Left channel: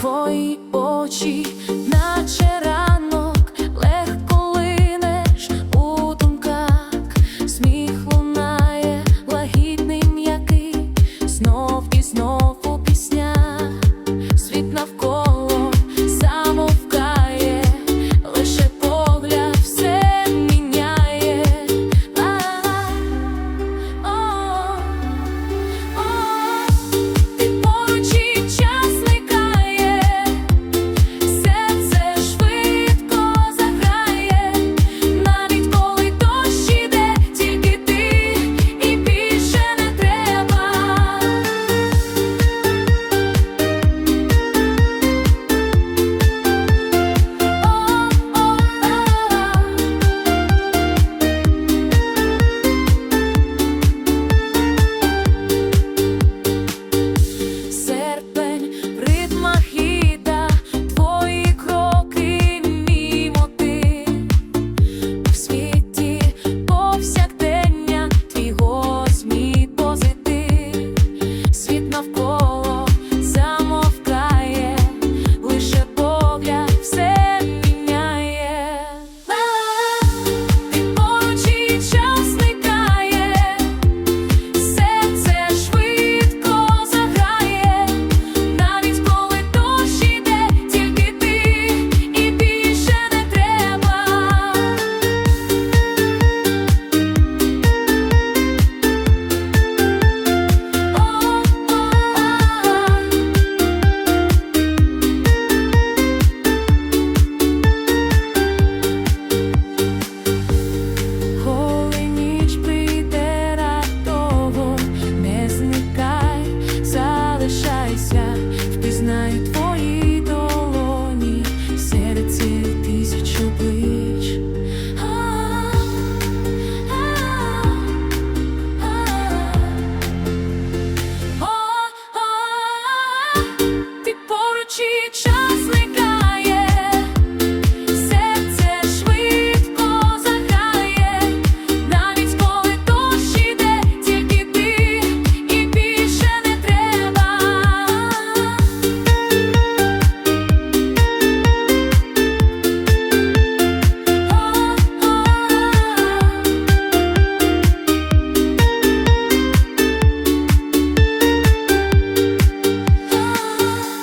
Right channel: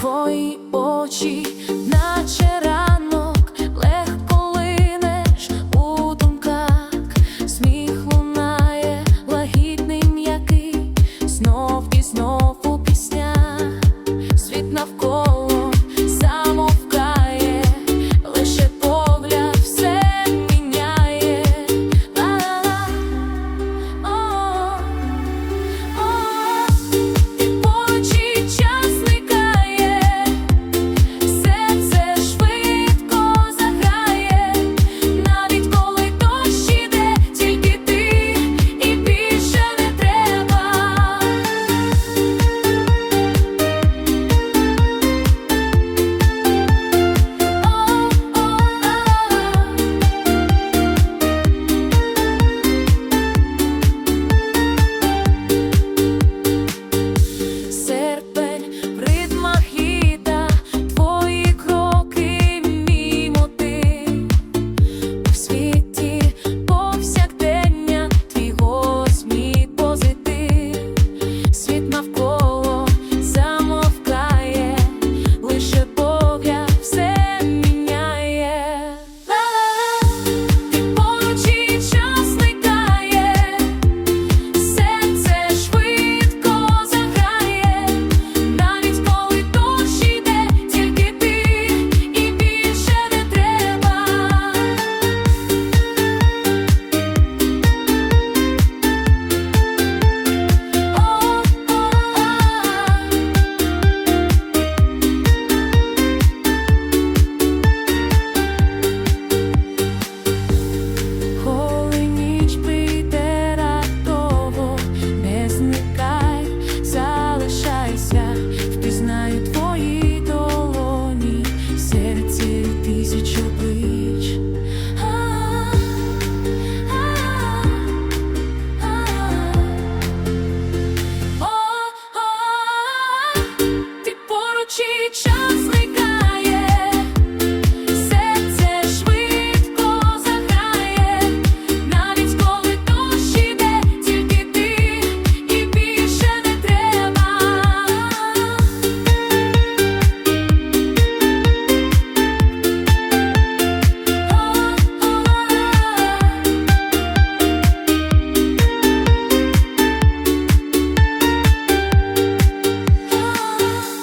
Твої очі, наче ранок, легко линеш у думках, сміх лунає, лагідний м'який, знов і знов у піснях, світ навколо серпень в ритмах літа, твої кроки, мій мотив в світі повсякдення, твій голос, мій позитив, світ навколо зникай, залишайся, впізнаю твої долоні серед цілі тисяч облич.